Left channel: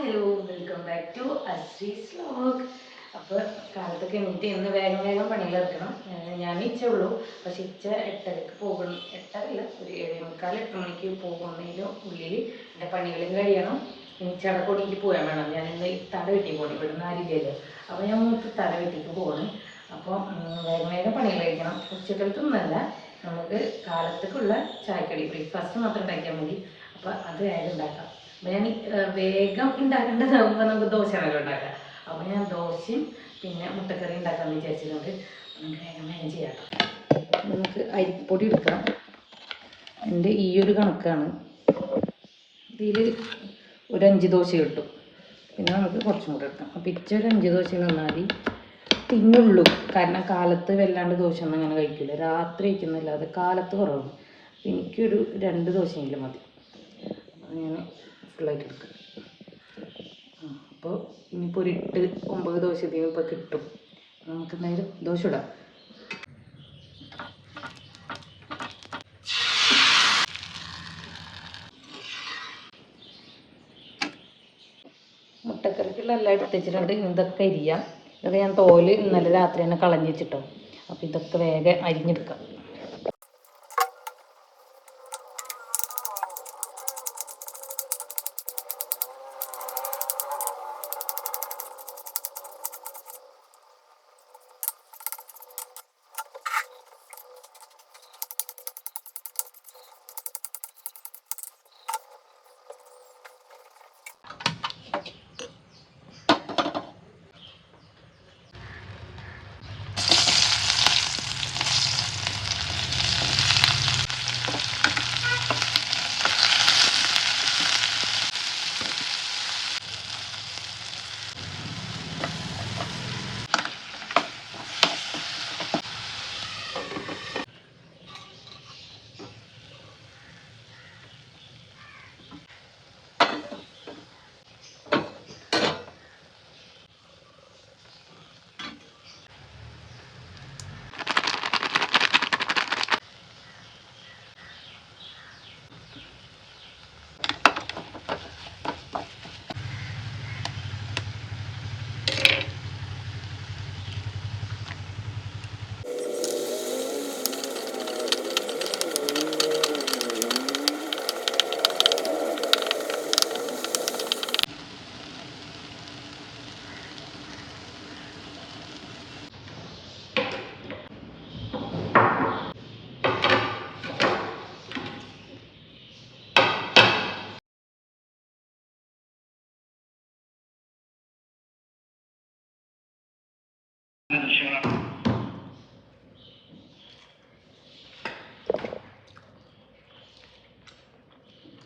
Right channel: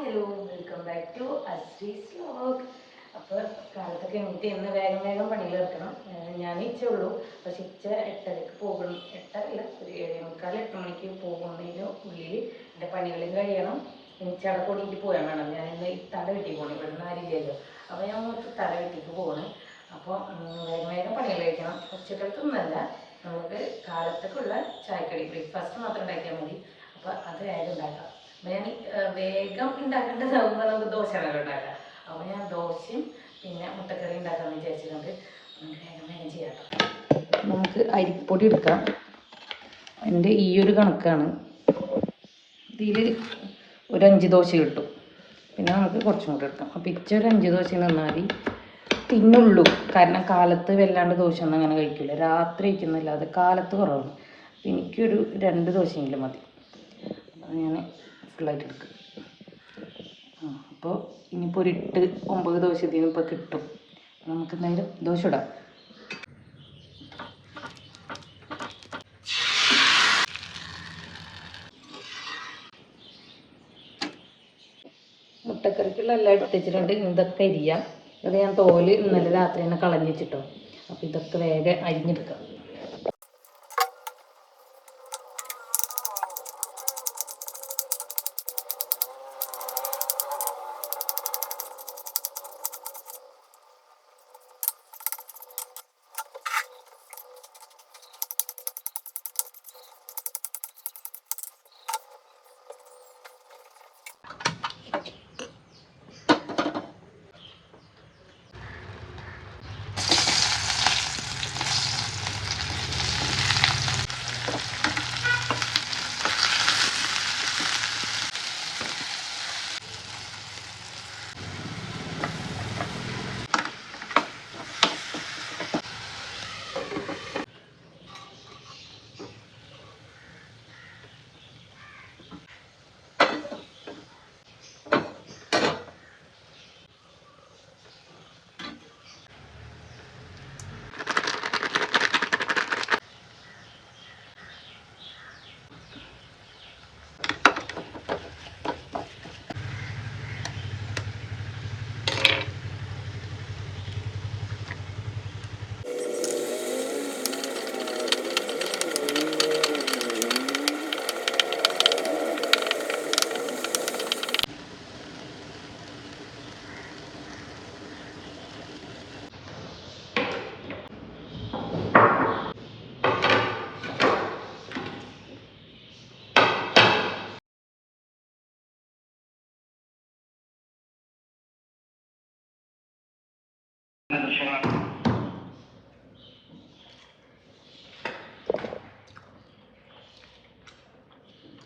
Hello welcome back to Ashree's vlog അപ്പോൾ കാലത്തൊക്കെ എണീറ്റ് ഇന്ന് വേഗം വേഗം പണികളെടുക്കണം ഞാൻ ഇച്ചേ ഉള്ളൂ. പക്ഷെ ഇച്ച എട്ടരക്ക് പോകണം. എട്ടരല്ല ഒരു ഏഴേമുക്കാൽ എട്ട് മണിക്ക് പോകുന്നതിന് ഉള്ളിൽ എന്റെ പണികളും കഴിയണം. ഇച്ചയുടെ പൊടിക്ക് പോയാൽ വേണം. ഞാൻ ഇന്ന് തല വെട്ടി പോകണം ഇവിടെ നിന്ന് ആരില്ലല്ലോ അപ്പോൾ ഞാൻ ഒന്ന് തല വെട്ടിക്ക് പോകണം അപ്പോൾ വേഗം വേഗം പണികൾ കഴിക്കണം. ഉച്ചക്കലത്തൊന്നല്ല നമുക്ക് കാലത്തേക്കുള്ള ചായക്കടി ബ്രേക്ക്ഫാസ്റ്റ് മാത്രം ഉണ്ടാക്കിയാൽ മതി. അപ്പോൾ അത് വേഗം ഉണ്ടാക്കാം. അപ്പോൾ ഞാൻ വേഗം ഉണ്ടാക്കേണ്ടതാകുമ്പോൾ നമുക്ക് ദോശ വേഗം ഉണ്ടാക്കാം. അപ്പോൾ ഞാൻ ദോശയും പിന്നെ മുട്ടക്കറി ഉണ്ടാക്കാമെന്ന് വിചാരിച്ചിട്ടുണ്ട്. നമുക്ക് വേഗം വേഗം ചെയ്യാം. നമുക്ക് അരിപ്പൊടി എടുക്കാം. എന്റെ ഈ ഒരു കണക്കാണ്. ഇതിൽ ഒരു അഞ്ച് ദോശ കിട്ടും. പിന്നെ നമുക്ക് കുറച്ചും കൂടെ എടുക്കാം. അപ്പോൾ ഇച്ച ഒരു അഞ്ച് ദോശ നന്നായി തിന്നുള്ളൂ കാരണം കാലത്ത് വല്ലാണ്ട് ദോശ ഒന്നും അങ്ങനെ കഴിക്കില്ല രാത്രി കഴിക്കുന്നില്ല അത് കാലത്ത് കുറവാണ്. എനിക്കൊരു രണ്ട് ദോശയെങ്കിലും മതി. ഞാൻ ഫുള്ളായിട്ട് എടുക്കും ആ അപ്പോൾ ഇനിയിപ്പോൾ ഒരു എട്ട് ഒമ്പത് ദോശ ഇതിന് ഇപ്പോൾ കിട്ടും. നമുക്ക് എന്തായാലും ദോശ ഇടാം. മുട്ടക്കറിക്കുള്ള എല്ലാം എടുത്ത് വെച്ചിട്ടുണ്ട് ഇനി ഇതൊക്കെ അരിയാം. ഇത് ഞാൻ തോൽ ഇന്നലെ രാത്രി തന്നെ കളഞ്ഞിട്ടോ അപ്പോൾ ഇതൊക്കെ വേഗം അരിഞ്ഞെടുക്കാം.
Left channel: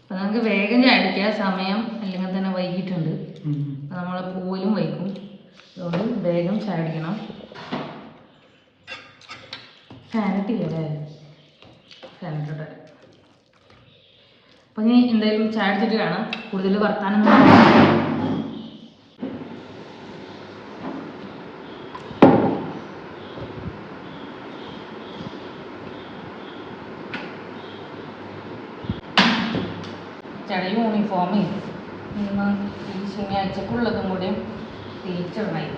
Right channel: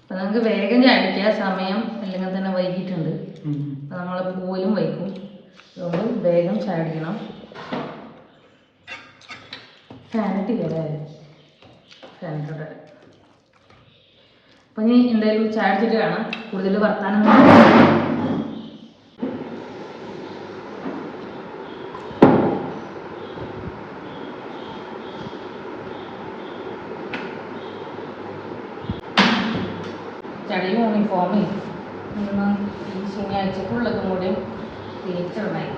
അപ്പോൾ നമുക്ക് വേഗം അടിക്കുക സമയം അല്ലെങ്കിൽ തന്നെ വൈകിട്ടുണ്ട് നമ്മൾ പോയും വൈകും അതുകൊണ്ട് വേഗം ചാടിക്കണം. ഫാനിട്ട് കയറാറ് ഫാനിട്ടോടെ അപ്പം ഇനി എന്തായാലും ചാടിച്ചിട്ട് കാണാം. കൂടുതൽ വർത്താനം ചളി യൂണിഫോമിൽ ഇന്ന് ഈ ശനിയാഴ്ചക്കുള്ളതും കൂടി തേച്ചിടണമായി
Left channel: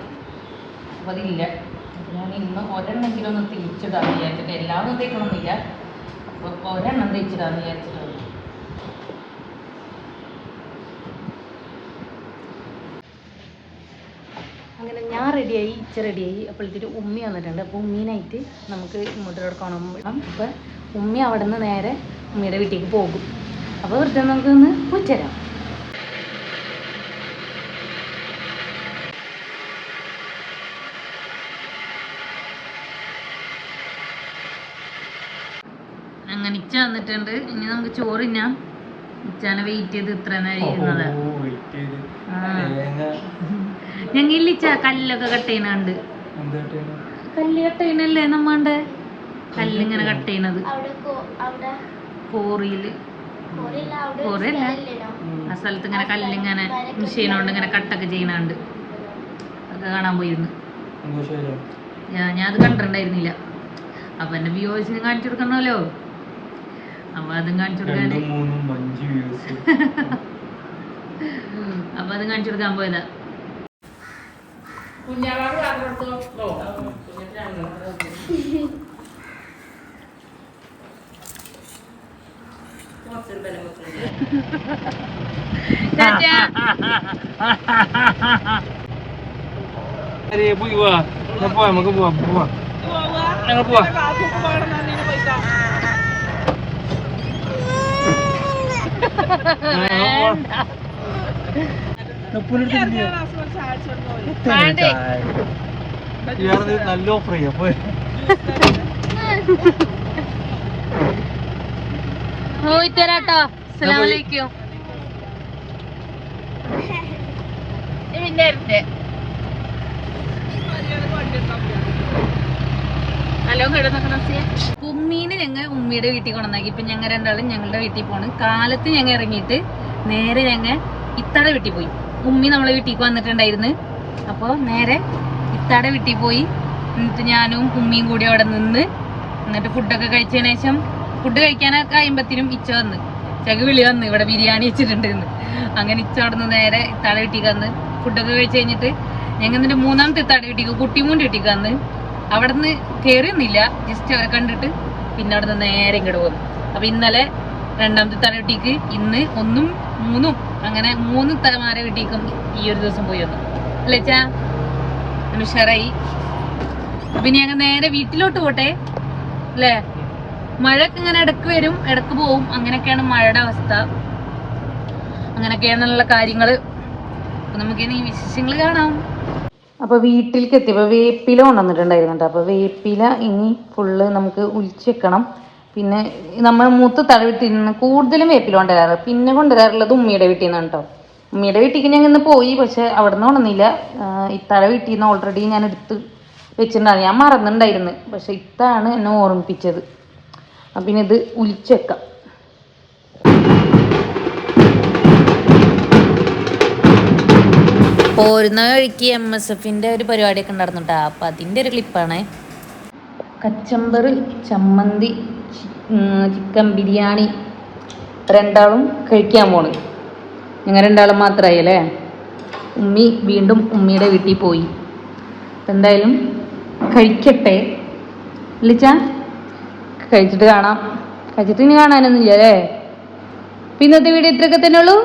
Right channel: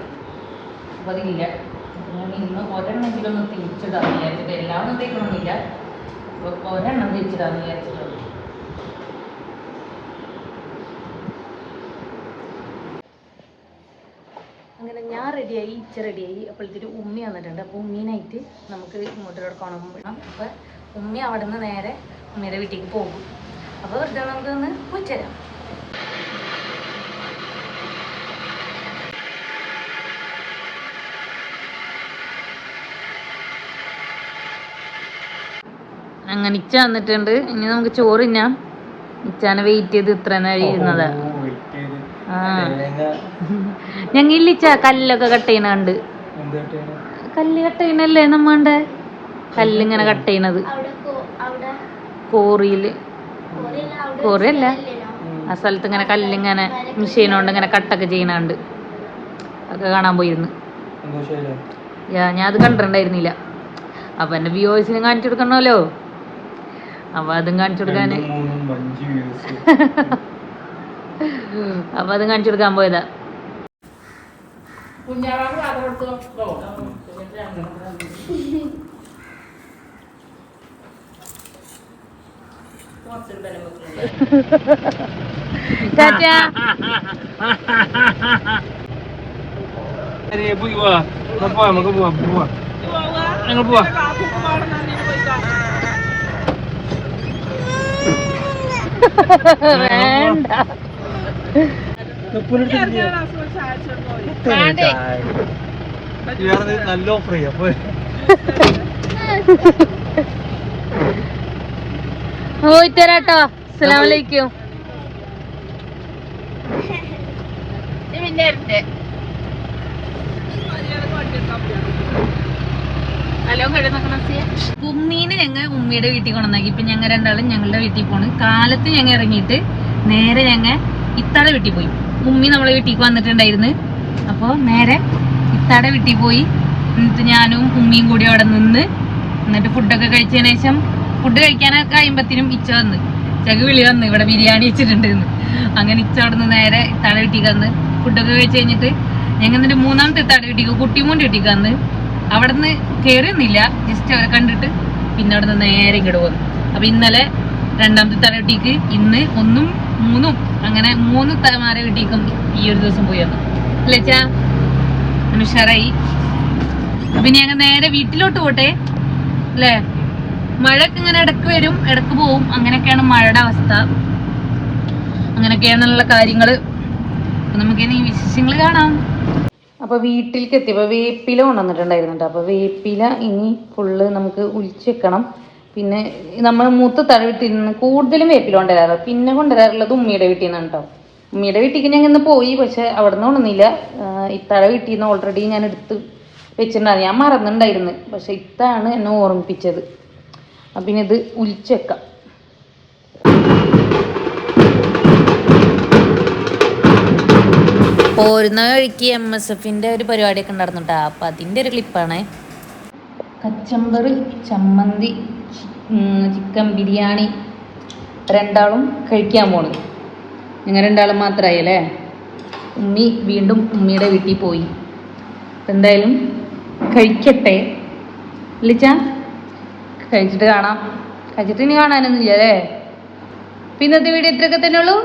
അപ്പോൾ അതില്ല. അപ്പോൾ ഞാൻ ഇന്ന് ഒരെണ്ണമെങ്കിലും ഒന്ന് തേച്ചിടാന്ന് വിചാരിച്ചിട്ട് എല്ലാം ഒന്നും തേക്കണമെന്നില്ല ഒരെണ്ണം തേച്ചിടാന്ന് വിചാരിച്ചിട്ട് ഞാൻ റെഡിയായി ഇച്ച റെഡിയായി അപ്പോഴത്തേക്ക് ഉമ്മി വന്നിട്ടുണ്ട്. അപ്പോൾ ഉമ്മീനായിട്ട് നമുക്ക് ഇങ്ങോട്ടോട് കാണുമ്പോൾ അപ്പോൾ ഉമ്മി അവിടെ നിന്ന് നേരെ ഉമ്മിയുടെ വീട്ടിലേക്ക് പോകും. അപ്പോൾ വെറുതെ നമുക്ക് ഒന്ന് പോയിത്തരാം അങ്ങനെ ഇച്ച വന്നിട്ടുണ്ട്. ഇനി നമുക്ക് ചോറ് ഞാൻ ഇച്ചാനെ വെയിറ്റ് ചെയ്ത് ഇത്ര നേരം ഇരുന്നത്. ആ. ഞങ്ങൾ ഇച്ച കല്ലൊക്കെ കട്ട് ചെയ്യണുണ്ട്. കല്ല് കട്ട് ചെയ്യണല്ലേ നമ്മണ്ടേ കല്ലിങ്ങനെ കട്ട് ചെയ്യണത്. കോറിയിൽ. കോറിയല്ല. ആ സ്ഥലത്ത് ഇങ്ങനെ കല്ലിങ്ങനെ മെഷീൻ കൊണ്ട് ഇങ്ങനെ കട്ടൊക്കെ ചെയ്യണുണ്ട് അതൊക്കെ കാണാൻ പോയിരുന്നു. ഞാൻ അത് കണ്ടിട്ടുണ്ടായിരുന്നില്ല. അപ്പൊ എന്റെ വ്യൂവേഴ്സിനെ കാണിച്ചു കൊടുക്കണമല്ലോ. അപ്പൊ അതും കാണിച്ചു കൊടുക്കാന്. അപ്പൊ അതും കാണിച്ചു കൊടുക്കാൻ പോയതാ. ചാച്ചാ Ini ibu ibu. Apa yang mau buat buat? Yang buat. വേണ്ട നല്ല ഓഫർ ചെയ്യാം അപ്പൊ പോയി തരാട്ടോ അസ്സലാമലൈക്കും ഉമ്മീനെ ഞങ്ങൾ ഉമ്മയുടെ വീട്ടിൽ കൊണ്ടുവന്നാക്കി. ഇപ്പൊ ഞങ്ങൾ രണ്ടാളും ഞങ്ങളുടെ വീട്ടിൽ പോണ്. കാലത്ത് ഞങ്ങൾ ഇറങ്ങിയിട്ട് നേരെ ഞങ്ങൾ ഇത്താടെ വീട്ടിൽ പോയി. ഉമ്മി നമ്മളെ വീട്ടിൽ വന്നിട്ടുണ്ടായിരുന്നു. അപ്പോൾ നേരെ ഇത്താടെ വീട്ടിൽ പോയി. എന്നിട്ട് ഞാനും ഉമ്മിയും കൂടി അവിടെ നിന്ന് എന്നിട്ട് ഫുഡൊക്കെ കഴിച്ചതിന് ശേഷം ഫുഡ് കഴിക്കാനൊക്കെ കഴിയുമ്പത്തിനും ഇച്ച വന്ന്. ചക വിളി വന്ന് ഇവിടെ ബിരിയാണി വെച്ചിട്ടുണ്ട് അങ്ങനെ ഇച്ച അവിടെ നിന്ന് നേരെ തട കിട്ടിക്ക് വന്ന് ഫുഡൊക്കെ കഴിച്ച് കഴിഞ്ഞിട്ട് ഞങ്ങൾ എന്നിട്ട് മൂന്നാമത്തെ തട കിട്ടിക്കും കുട്ടിമൂണ്ട് കിട്ടിക്ക് വന്ന്. അവിടെ നിന്ന് കയറിയൊന്നുമില്ല ജസ്റ്റ് കണ്ടിട്ട് പിന്നെ അവിടെ നിന്ന് നേരെ ഇങ്ങോട്ട് പോകുന്നു അപ്പൊ ഇന്നലെ രണ്ടാമത്തെ തട കിട്ടിക്ക് ഇന്ന് ഒന്നും മൂന്നും അങ്ങനെ മൂന്ന് തലമാരെ കിട്ടിക്കും ഈ ഒരു ദിവസം പോയി വന്നു. അല്ലേ ഉഷാറായി അപ്പൊ ഇനി ഞങ്ങൾ നേരെ വീട്ടിലോട്ട് പോട്ടെ? അല്ലേ? മഴയൊക്കെ ഇങ്ങനെ ഇടയ്ക്ക് വരും ഇടയ്ക്ക് പോവും. അങ്ങനെയൊക്കെയാണ് മഴയുടെ അവസ്ഥ. അങ്ങനെയൊക്കെയാണുള്ള കാര്യങ്ങൾ. നമുക്കിനി വിശേഷങ്ങൾ കാണാം. അപ്പൊ വീട്ടിലേക്ക് എത്തിയപ്പോ വേപ്പില കൊണ്ടുവന്നിട്ടുണ്ടായിരുന്നു അപ്പൊ വേപ്പില ഇനി ഫുള്ള് നമുക്ക് ഒലിച്ച് വെക്കണം. പിന്നെ നമ്മൾ മൂത്ത് തല വീട്ടിൽ നിന്ന് കൂടുതലും വേപ്പില കൊണ്ടുവരാറ്. പിന്നെ കൊണ്ടുവരാറുള്ളത് ഉമ്മിയുടെ വീട്ടിൽ നിന്നാണ് കേട്ടോ. ഉമ്മിയുടെ വീട്ടിലേക്ക് ഞാൻ ഇന്ന് പോയി പക്ഷെ അവിടെ നിന്ന് കൊണ്ടുവന്നില്ല ഇത്തഴ വീട്ടിൽ നിന്ന് ഓൾറെഡി ഞാൻ എടുത്ത് വെച്ചിട്ടുണ്ടായിരുന്നു. ഞാൻ മറന്നിട്ടുണ്ടായിരുന്നു. പക്ഷെ ഇത്താണ് എന്നെ ഓർമ്മിപ്പിച്ചത്. അപ്പൊ ഇത് ഉലിച്ചേക്കാം പോരുന്ന വഴിക്ക് എം എസ് എഫിന്റെ ഒരു പരിപാടിയൊക്കെ ഉണ്ടായിരുന്നു കേട്ടോ അപ്പൊ അതിന്റെ ഒരു ക്ലിപ്പാണ് കച്ചമ്പർ ചമ്മന്തി ചിക്കൻ ബിരിയാണി രണ്ടാളും കഴിക്കാൻ പോണ്. ഞങ്ങൾ രണ്ടാളും മാത്രമായി അല്ലേ? ഉമ്മി വീണ്ടും ഉമ്മിയുടെ വീട്ടിൽ പോയി. എന്തായാലും കഴിക്കട്ടെ. ഇല്ലിച്ച? കഴിച്ചിട്ട് കാണാം. കഴിച്ചിട്ട് ഇനി കാണാനൊന്നുമില്ല അല്ലേ? പിന്നത്തെ വീഡിയോ ഇത്രയൊക്കെ തന്നെ ഉള്ളൂ.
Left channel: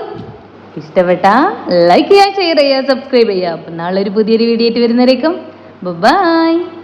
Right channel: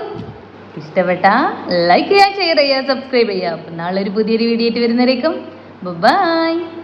ഇഷ്ടപ്പെട്ട ലൈക്ക് ചെയ്യാൻ ചെയ്യുക സബ്സ്ക്രൈബ് ചെയ്യുക. അപ്പം നാളെ ഒരു പുതിയൊരു വീഡിയോ ആയിട്ട് വരുന്നവരേക്കും. ബൈ